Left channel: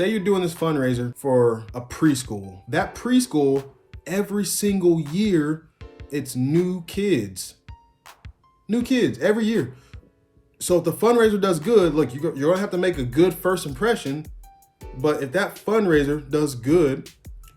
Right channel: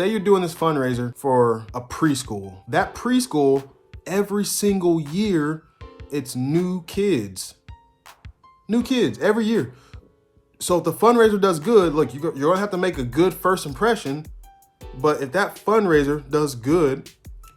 say you're doing this fundraiser for a preschool. That preschool, every single year, it's new kids. New kids every year. So if the fundraiser does good, look, you're gonna have to make a good first impression. But if that fundraiser does good,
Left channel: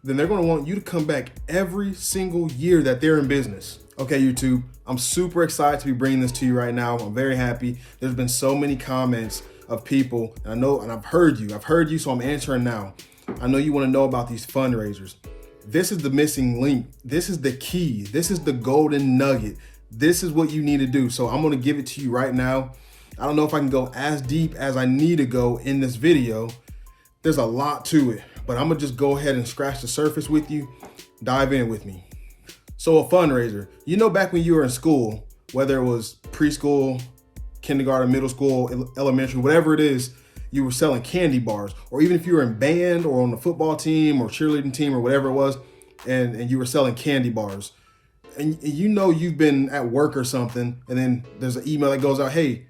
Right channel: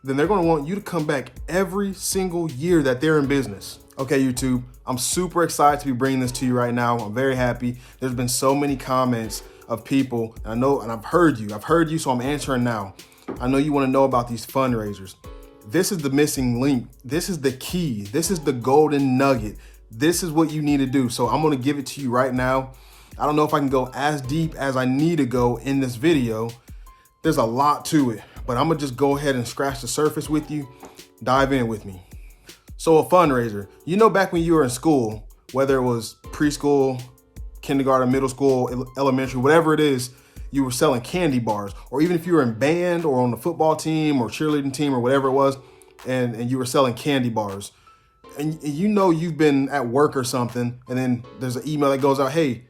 then they're gonna want you to come back every single year that they're in business. Okay, YouTube, I'm super excited to be bringing this to you right now. I'm very happy. There's been so many comments of people, and I know, and I've heard you, so I'm answering now. I know you wanna know about these fundraisers. This is the missing link. This is the key. This is the golden nugget. This is what you need to do. So I'm gonna give it to you right now. I don't know if I can go as deep as I need to go in this video. There's a lot to it, but I'm gonna just go ahead and scratch the surface with you. Dive in with me. So a fundraiser, you know, back when you were in school, whether it was preschool, kindergarten, middle school, elementary, whatever it is, you were selling candy bars, or even if you were in band or on the football team or cheerleading team or whatever it was, and you were selling candy bars. And you know you've been at work or something, and then there's an email that goes out, hey,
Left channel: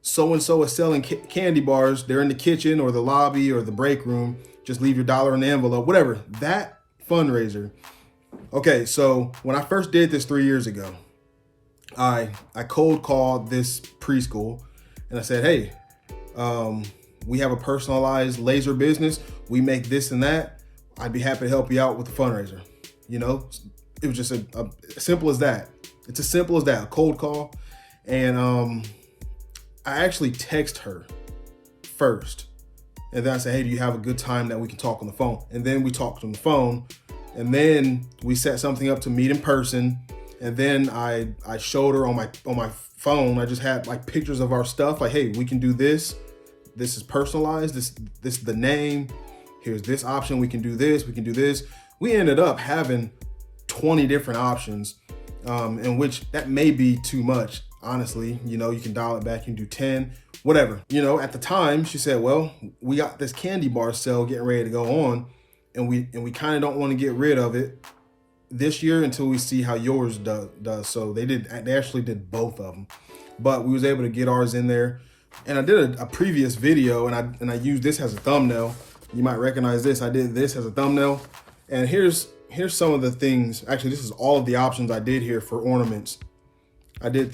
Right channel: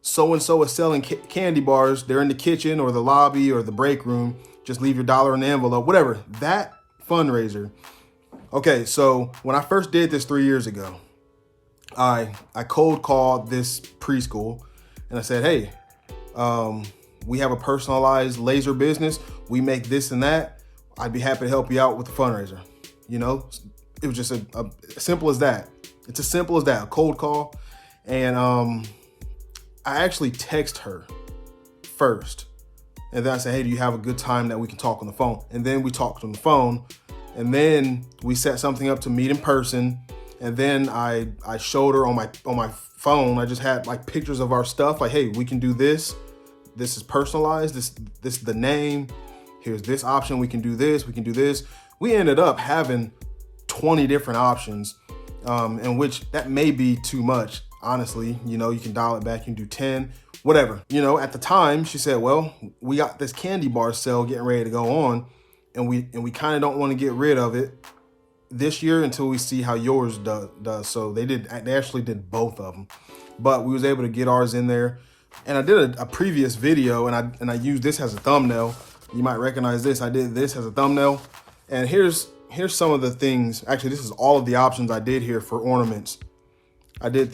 so-and-so is selling candy bars. They're in the kitchen or the lobby or the break room. Just leave your dollar in the envelope, whatever. That fundraiser. Okay, so when I first did this 3 years ago, I cold called this preschool and I said, hey, we have a personalized laser business. We make this and that. I'd be happy to help you out with the fundraiser. You know, it was just a simple as that. It's as simple as that, a cold call. And I actually text her first. And then I said, hey, do you have a good time that we can talk on the phone? And then we talked on the phone. And then we set something up to meet in person. And then I showed her on my phone. I just had like pictures of our stuff. Like, hey, we can do this. This is personalized. This is the name. Here's this option. We can do this. We can do this. We ended up having 20 different options, in which that may be too much. Honestly, you know, you can dial it back, you can do 10, whatever. You know, at the time she said, well, we got this candy bar sale getting ready to go on, and we kind of don't want to get rid of it this year until we see how yours does. So they actually did both of them, but we was able to get ours in there. And I did a previous video, and I used this as a thumbnail. You might recognize this. I did this as a thumbnail, and here's some of the things. Actually, this is all of the options I did here for ornaments. I did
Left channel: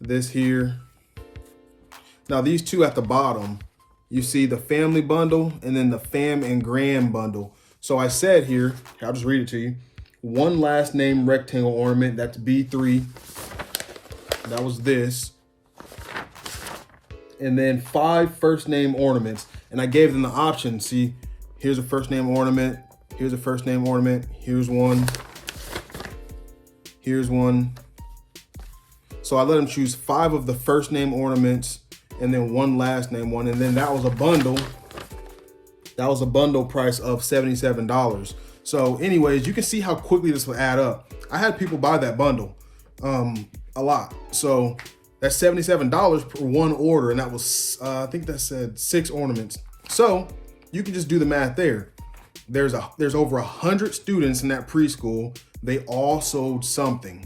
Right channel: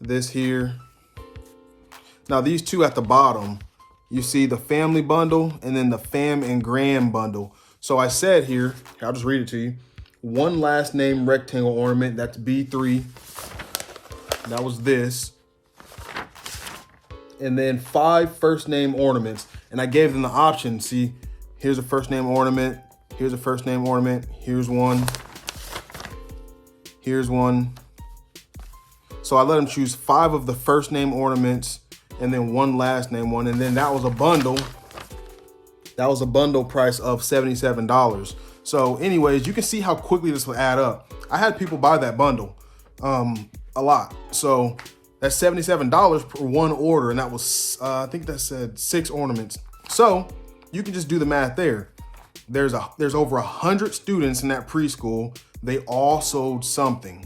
this here. Now these two at the bottom, you see the family bundle and then the fam and grand bundle. So I said here, I'll just read it to you. One last name rectangle ornament, that's B3. That was this. And then 5 first name ornaments. And I gave them the option. See, here's a first name ornament. Here's a first name ornament. Here's one. Here's one. So I let them choose 5 of the first name ornaments and then 1 last name one. And then that was a bundle. That was a bundle price of $77. So anyways, you can see how quickly this will add up. I had people buy that bundle a lot. So that's $77 per one order. And that was, I think that said 6 ornaments. So you can just do the math there. There's over 100 students in that preschool. They all sold something.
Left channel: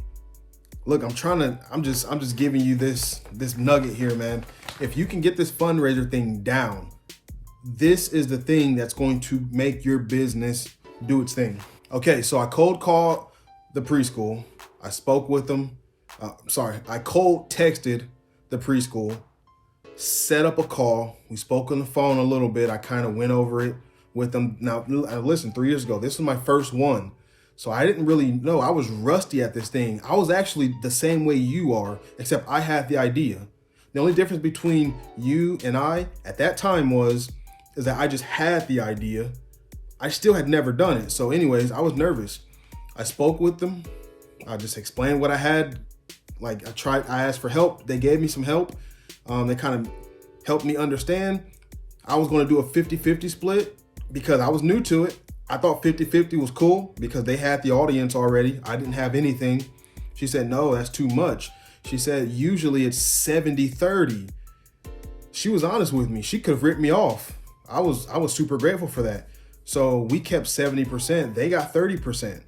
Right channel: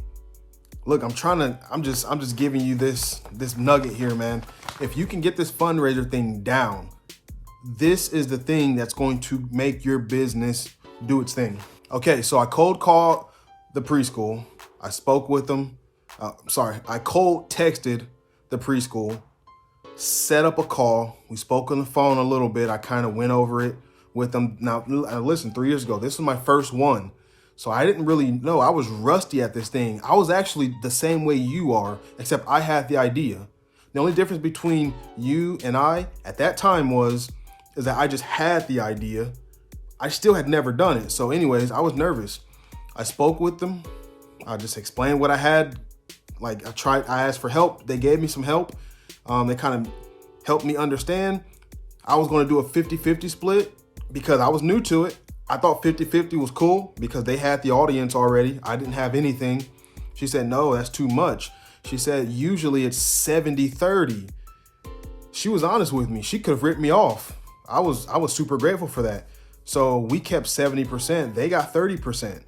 Look, I'm just giving you this nugget here, man. If you can get this fundraiser thing down, this is the thing that's going to make your business do its thing. Okay, so I cold called the preschool. I spoke with them. I cold texted the preschool, set up a call. We spoke on the phone a little bit. I kind of went over it with them. Now, listen, 3 years ago, this was my first one. So I didn't really know. I was rusty at this thing. I was actually the same way you are, except I had the idea. The only difference between you and I at that time is that I just had the idea. I still had never done it. So anyways, I was nervous. I spoke with them. I just explained what I had. Like I asked for help. They gave me some help. They kind of helped me understand. I was going to do a 50-50 split because I was new to it. I thought 50-50 was cool because they had the audience already. I didn't have anything. She said, no, that's too much. She said, usually it's 70-30. She was honest with me. She could have ripped me off. I was super grateful for that. So we kept 70%. They got 30%.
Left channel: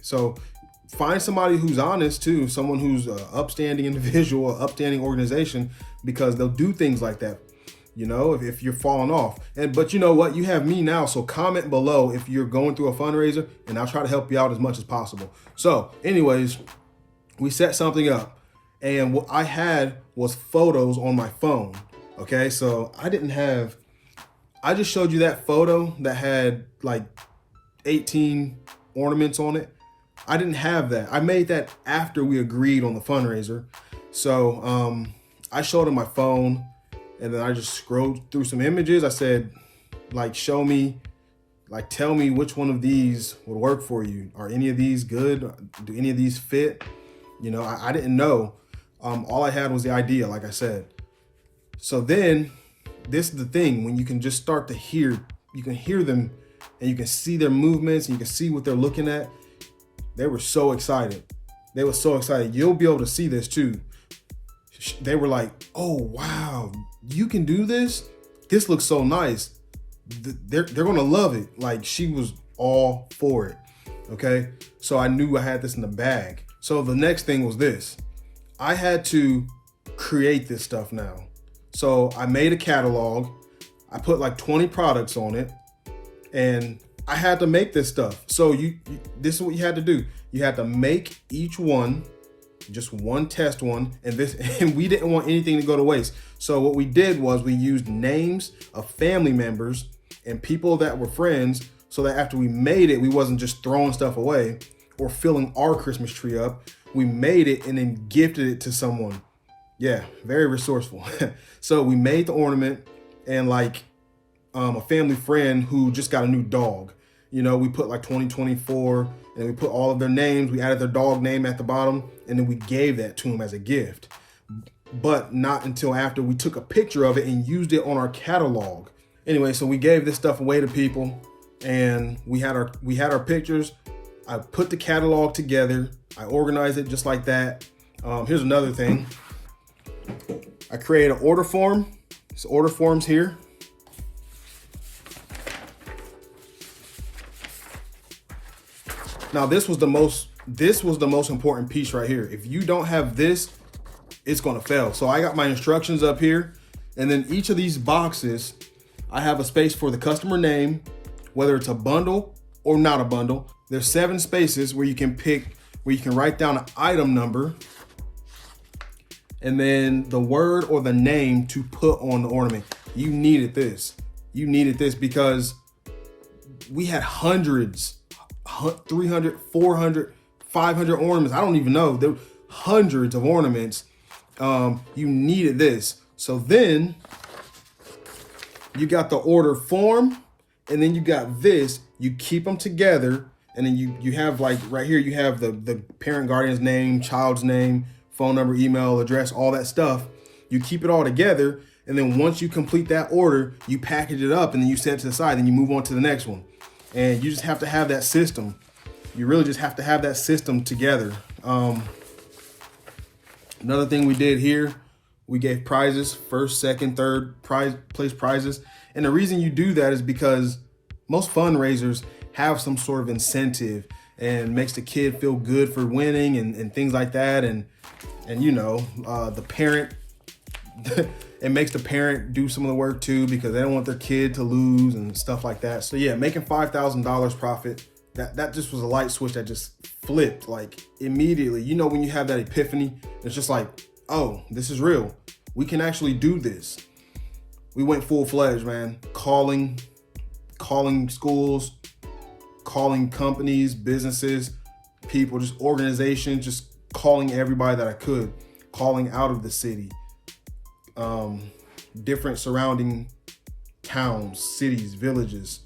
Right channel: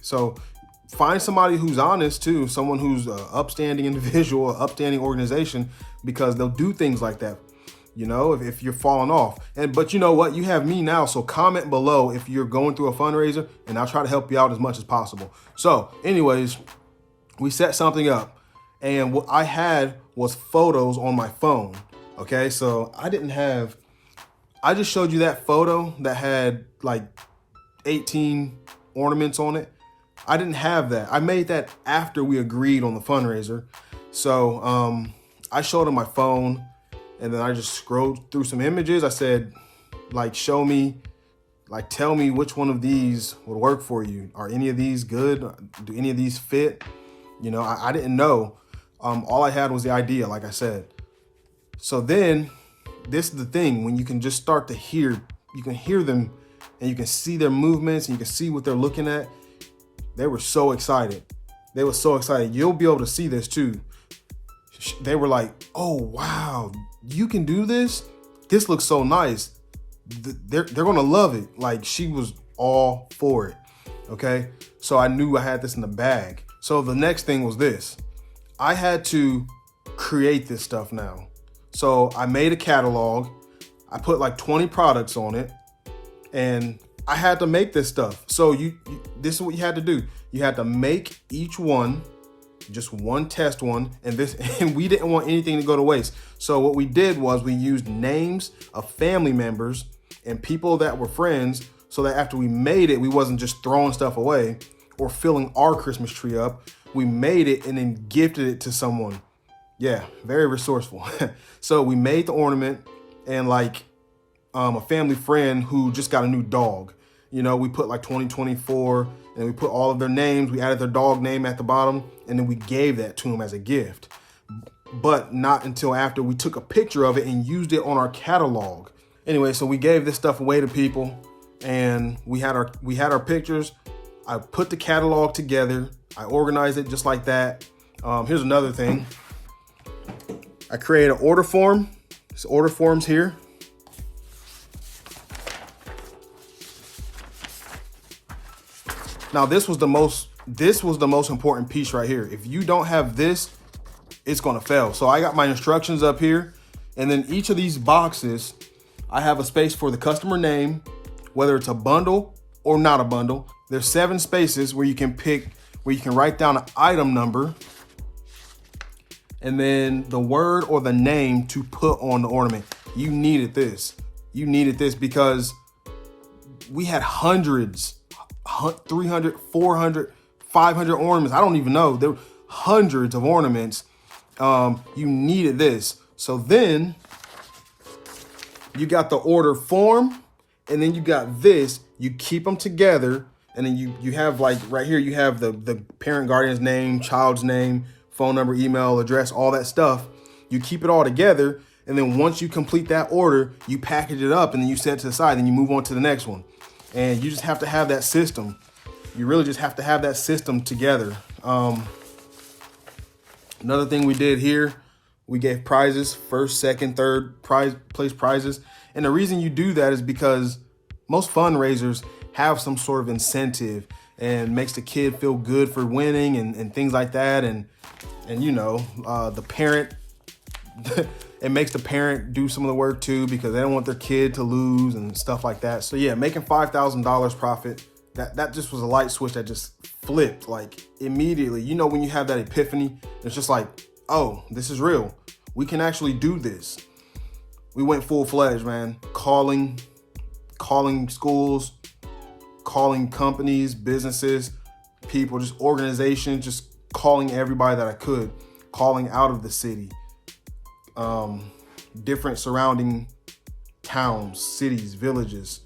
So find somebody who's honest too, someone who's an upstanding individual, an upstanding organization, because they'll do things like that. if you're falling off. But you know what? You have me now. So comment below if you're going through a fundraiser, and I'll try to help you out as much as possible. So anyways, we set something up, and what I had was photos on my phone. Okay, so I just showed you that photo that had like 18 ornaments on it. I didn't have that. I made that after we agreed on the fundraiser. So I showed him my phone, and then I just scrolled through some images. I said, like, show me, like, tell me which one of these would work for you. Are any of these good? Do any of these fit? I didn't know. All I had was the idea, like I said. So then this is the thing, when you can just start to hear, you can hear them and you can see their movements and you can see what they're looking at. They were so excited. They were so excited. You'll be able to see this too. They were like, oh, wow, you can do this? This looks so nice. They're going to love it. Like, she was all for it. Okay. So I knew I had this in the bag. So the next thing was this. I had to create this stuff now. So I made a catalog. I put like 20 products on it, and I had to make this stuff. So this is what you had to do. You had to make each one, just one test one, and we didn't want anything to go to waste. So what we did was we used names of family members and people that were friends, so that after we made it, we wasn't just throwing stuff away or filling our Christmas tree up. We made it and then gifted it to someone. Yeah, very resourceful. So we made the ornament, and like a family friend who just got a new dog. We put like 2024, and we put all of their names. We added their dog name at the bottom, and then we gave that to him as a gift. But not until after we took a picture of it and used it on our catalog. Anyway, so we gave this stuff away to people, and we had our pictures. I put the catalog together. I organized it just like that. Here's another thing. I created an order form. This order form's here. Now this was the most important piece right here. If you don't have this, it's gonna fail. So I got my instructions up here, and then each of these boxes, I have a space for the customer name, whether it's a bundle or not a bundle. There's 7 spaces where you can write down an item number, and then the word or the name to put on the ornament. You needed this. You needed this because we had hundreds, 300, 400, 500 ornaments. I don't even know. There were hundreds of ornaments. You needed this. So then you got the order form, and then you got this. You keep them together, and then you have, like, right here, you have the parent guardian's name, child's name, phone number, email, address, all that stuff. You keep it all together, and then once you complete that order, you package it up, and then you set it to the side, and you move on to the next one. And you just have to have that system. You really just have to have that system together. Another thing we did here, we gave prizes, first, second, third place prizes. And the reason you do that is because most fundraisers have some sort of incentive and makes the kid feel good for winning and things like that. And the parent, it makes the parent do some of the work too, because they don't want their kid to lose and stuff like that. So yeah, making $5,000 profit, that just was a light switch that just flipped, like, immediately. When you have that epiphany, it's just like, oh, this is real. We can actually do this. We went full-fledged, man. Calling schools, calling companies, businesses, people, just organizations, just calling everybody that I could, calling out of the city, different surrounding towns, cities, villages,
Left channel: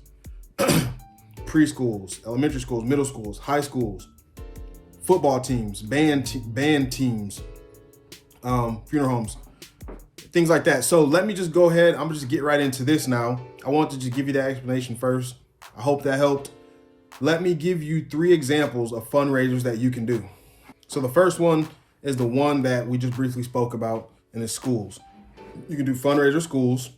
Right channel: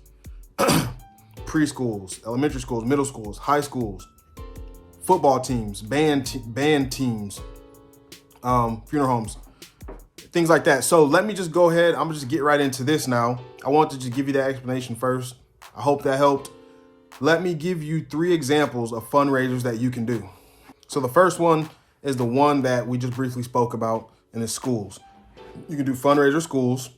preschools, elementary schools, middle schools, high schools, football teams, band teams, funeral homes, things like that. So let me just go ahead. I'm gonna just get right into this now. I want to just give you that explanation first. I hope that helped. Let me give you 3 examples of fundraisers that you can do. So the first one is the one that we just briefly spoke about, in the schools. You can do fundraiser schools.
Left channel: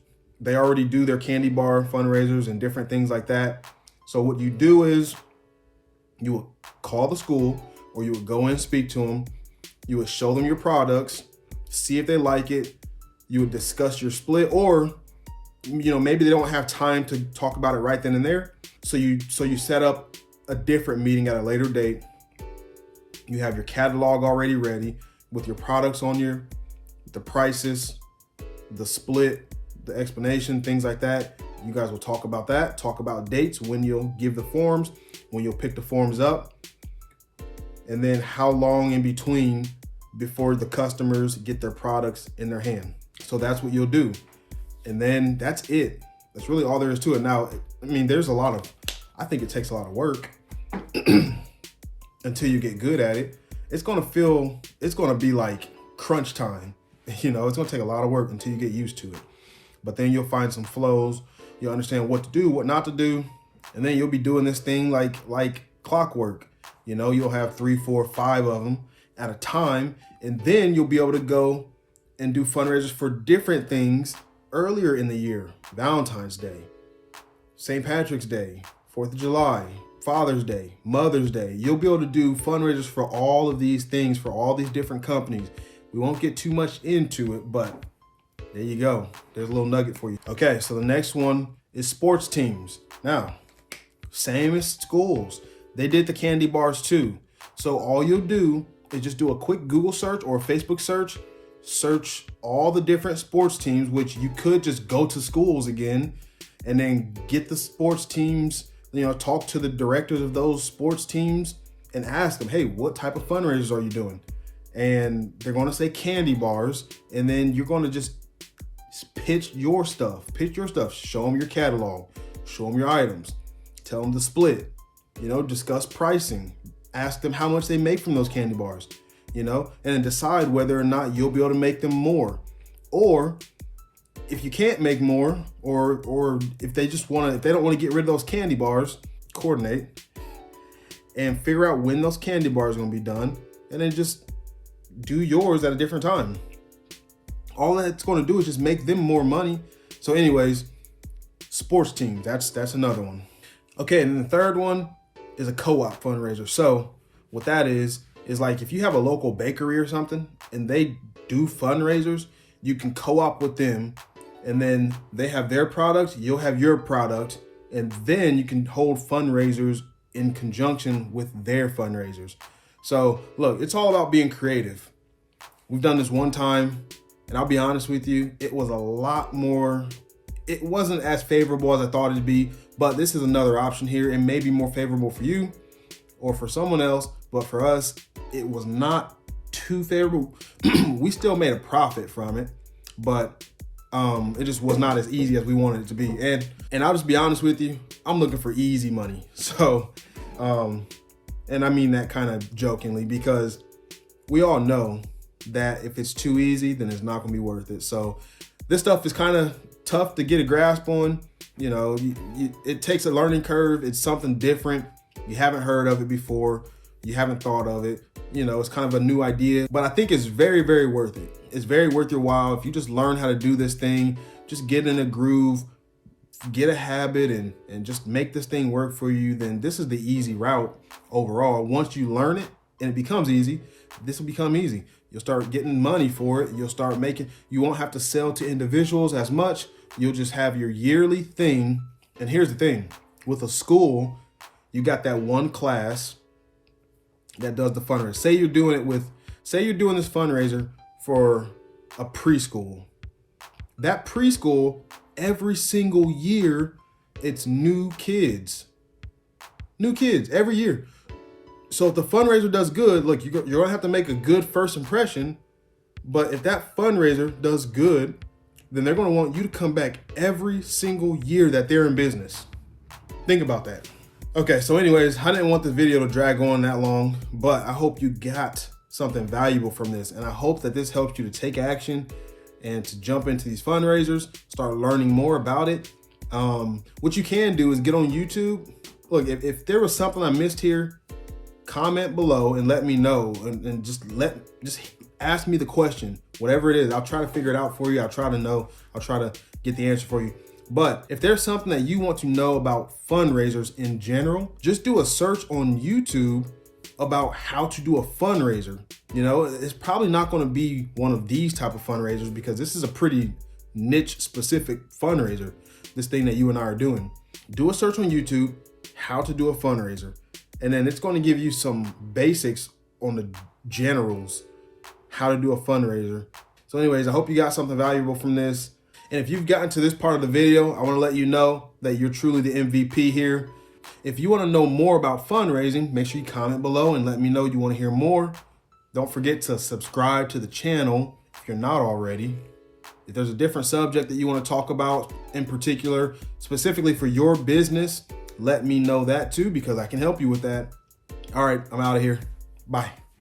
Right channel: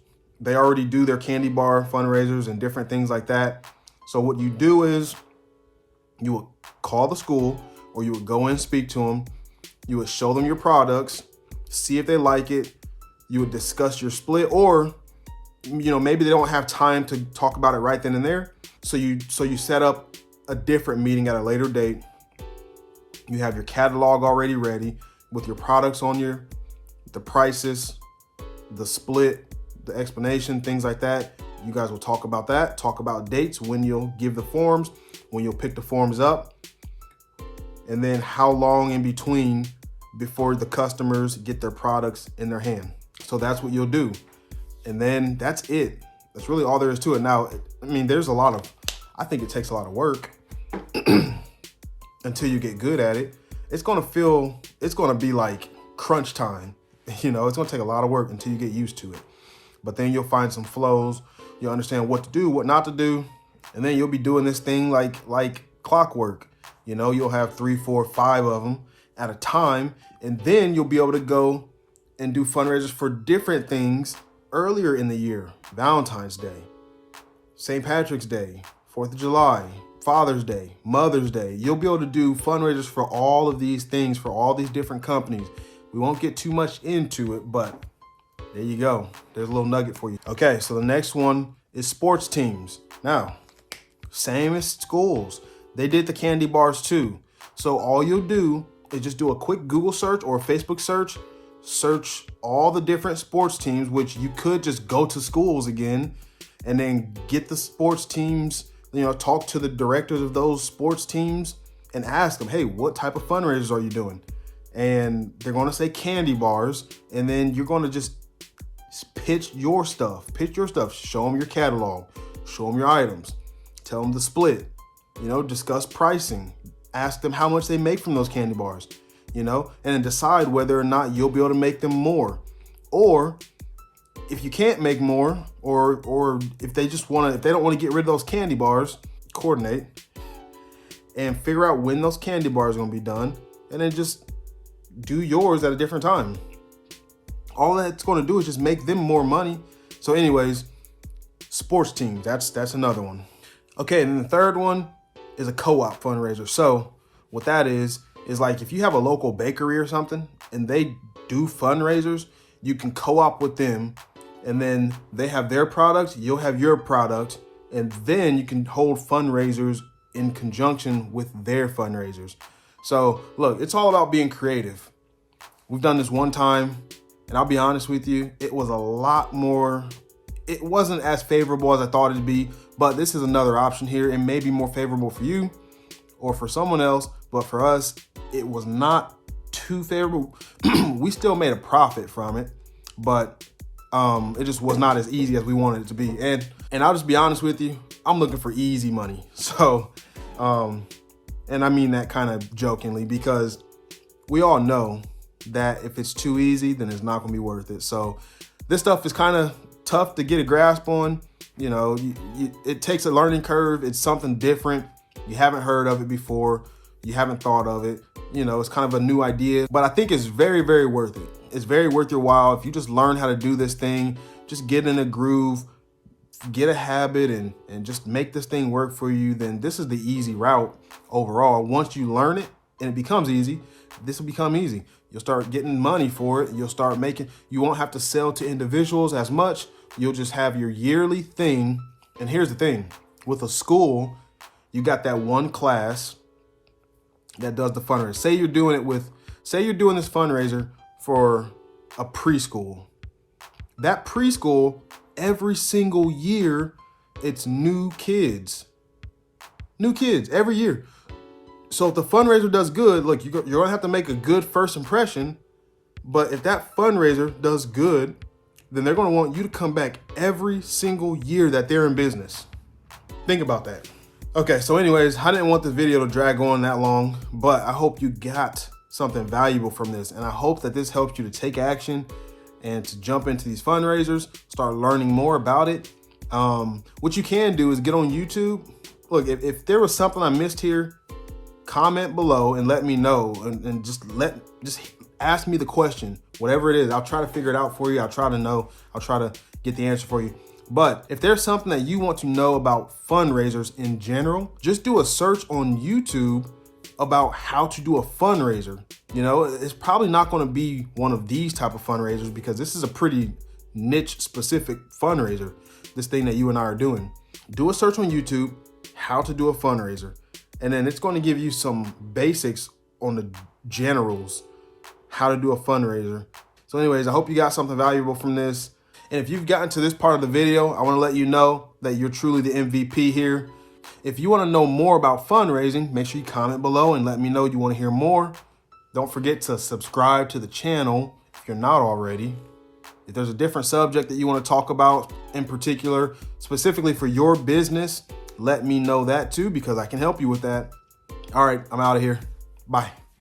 They already do their candy bar fundraisers and different things like that. So what you do is you would call the school, or you would go in and speak to them. You would show them your products, see if they like it. You would discuss your split, or maybe they don't have time to talk about it right then and there. So you set up a different meeting at a later date. You have your catalog already ready with your products on the prices, the split, the explanation, things like that. You guys will talk about that, talk about dates, when you'll give the forms, when you'll pick the forms up, and then how long in between before the customers get their products in their hand. So that's what you'll do. And then that's it. That's really all there is to it. Now, I mean, I think it takes a lot of work until you get good at it. It's going to be like crunch time. It's going to take a lot of work until you get used to it. But then you'll find some flows. You'll understand what to do, what not to do. And then you'll be doing this thing like clockwork. You'll have 3, 4, 5 of them at a time. And then you'll be able to go and do fundraisers for different things earlier in the year. Valentine's Day, St. Patrick's Day, 4th of July, Father's Day, Mother's Day. You'll be able to do fundraisers for all of these things, for all these different companies. We won't get too much into it, but there you go. There's a little nugget for you. Okay, so the next one is sports teams. Now, same as schools. They did the candy bars too. So all you'll do is just do a quick Google search or a Facebook search all the different sports teams, which you could just go to schools again and then get the sports teams, talk to the directors of those sports teams and ask them, hey, what type of fundraisers are you doing? And they're going to say candy bars. And then you're going to just pitch your stuff, show them your catalog, show them your items, tell them the split, discuss pricing, ask them how much they make from those candy bars, and then decide whether or not you'll be able to make them more. Or if you can't make more, or if they don't want to get rid of those candy bars, coordinate and figure out when those candy bars are going to be done, and then just do yours at a different time. All that's going to do is just make them more money. So anyways, sports teams, that's another one. Okay, and the third one is a co-op fundraiser. So what that is like if you have a local bakery or something and they do fundraisers, you can co-op with them, and then they have their products, you'll have your products, and then you can hold fundraisers in conjunction with their fundraisers. So look, it's all about being creative. We've done this one time, and I'll be honest with you, it wasn't as favorable as I thought it'd be, but this is another option here. It may be more favorable for you or for someone else, but for us, it was not too favorable. We still made a profit from it, but it just was not as easy as we wanted it to be. And I'll just be honest with you, I'm looking for easy money. So, and I mean that kind of jokingly, because we all know that if it's too easy, then it's not going to be worth it. So this stuff is kind of tough to get a grasp on. It takes a learning curve. It's something different. You haven't heard of it before. You haven't thought of it. It's kind of a new idea, but I think it's very, very worth it. It's very worth your while. If you just learn how to do this thing, just get in a groove, get a habit, and just make this thing work for you, then this is the easy route overall. Once you learn it and it becomes easy, this will become easy. You'll start getting money for it. You won't have to sell to individuals as much. You'll just have your yearly thing. And here's the thing, with a school, you got that one class that does the fundraiser. Say you're doing this fundraiser for a preschool. That preschool, every single year, it's new kids every year. So if the fundraiser does good, look, you're going to have to make a good first impression. But if that fundraiser does good, then they're going to want you to come back every single year that they're in business. Think about that. Okay, so anyways, I didn't want this video to drag on that long, but I hope you got something valuable from this. And I hope that this helps you to take action and to jump into these fundraisers, start learning more about it. What you can do is get on YouTube. Look, if there was something I missed here, comment below and let me know, and just ask me the question, whatever it is. I'll try to figure it out for you. I'll try to get the answer for you. But if there's something that you want to know about fundraisers in general, just do a search on YouTube about how to do a fundraiser. It's probably not going to be one of these type of fundraisers, because this is a pretty niche specific fundraiser, this thing that you and I are doing. Do a search on YouTube, how to do a fundraiser. And then it's going to give you some basics on the generals, how to do a fundraiser. So anyways, I hope you got something valuable from this. And if you've gotten to this part of the video, I want to let you know that you're truly the MVP here. If you want to know more about fundraising, make sure you comment below and let me know you want to hear more. Don't forget to subscribe to the channel if you're not already. If there's a different subject that you want to talk about in particular, specifically for your business, let me know that too, because I can help you with that. All right, I'm out of here. Bye.